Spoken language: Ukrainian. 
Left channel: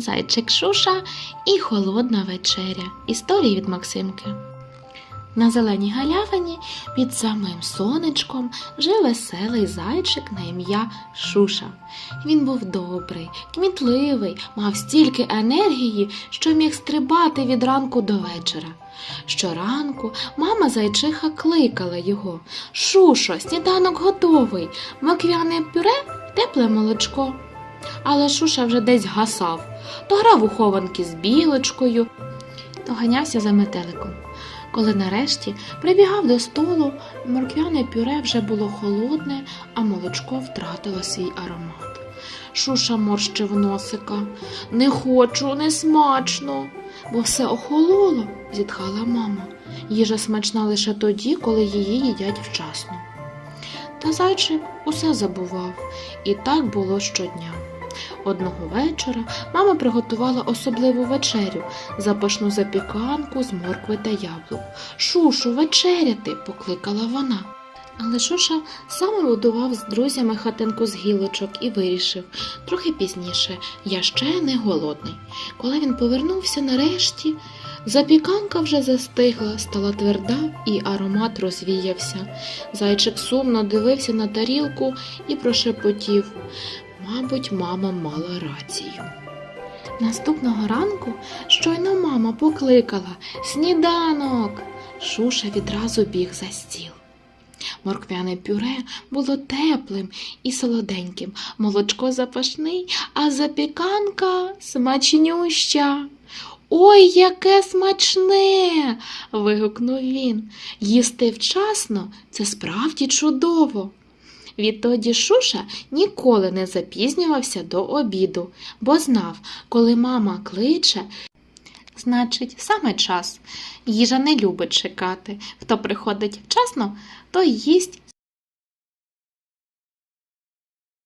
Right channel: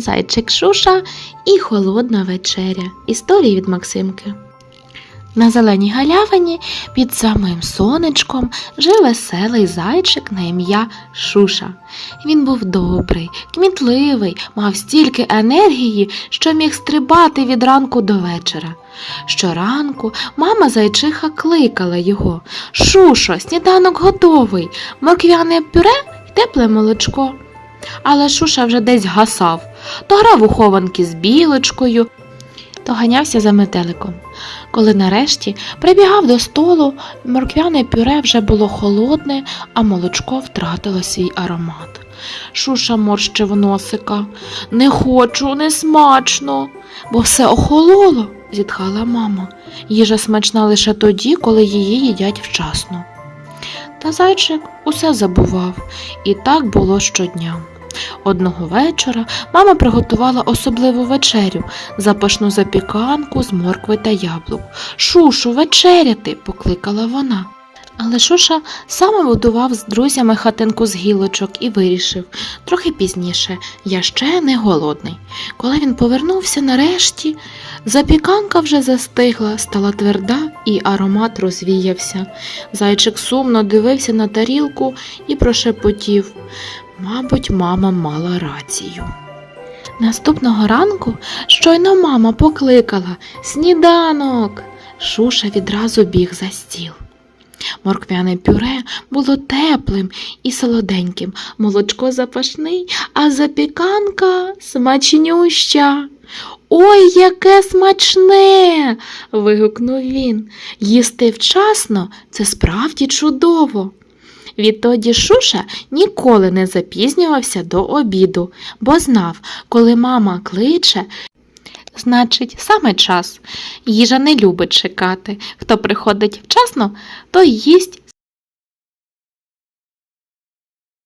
Зайчик Шуша і холодна вечеря. Історії від Максимки. На зеленій галявині під самим сонечком жив веселий зайчик на ім'я Шуша. Він був добрий, кмітливий, мав стільки енергії, що міг стрибати від ранку до вечора. Щоранку мама зайчиха кликала його Шушо, сніданок готовий, морквяне пюре й тепле молочко. Але Шуша вже десь гасав, то грав у хованки з білочкою, то ганявся за метеликом. Коли нарешті прибігав до столу, морквяне пюре вже було холодне, а молочко втратило свій аромат. Шуша морщив носика. Не хочу, не смачно, бо все охололо, зітхала мама. Їжа смачна лише тоді, коли її їдять вчасно. Та зайчик усе забував, і так було щодня. Одного вечора мама приготувала особливу вечерю, запашну запіканку з моркви та яблук. Шушу, вечеряти, покликала вона. Але Шуша саме будував з друзями хатинку з гілочок і вирішив трохи пізніше, я ще не голодний. Коли він повернувся нарешті, запіканка вже застигла, стала тверда і аромат розвіявся. Зайчик сумно дивився на тарілку і прошепотів. Мабуть, мама мала рацію. Наступного ранку щойно мама покликала Сніданок. Шуша відразу біг за стіл. Морквяне пюре було теплим і солоденьким, молочко запашний, а запіканка смачнюща. Ой, яке смачне. вигукнув він. Їсти вчасно це справді чудово. Відтоді Шуша ніколи не запізнювався до обіду, бо знав, коли мама кличе, значить, саме час. Їжа не любить чекати. Хто приходить вчасно, той їсть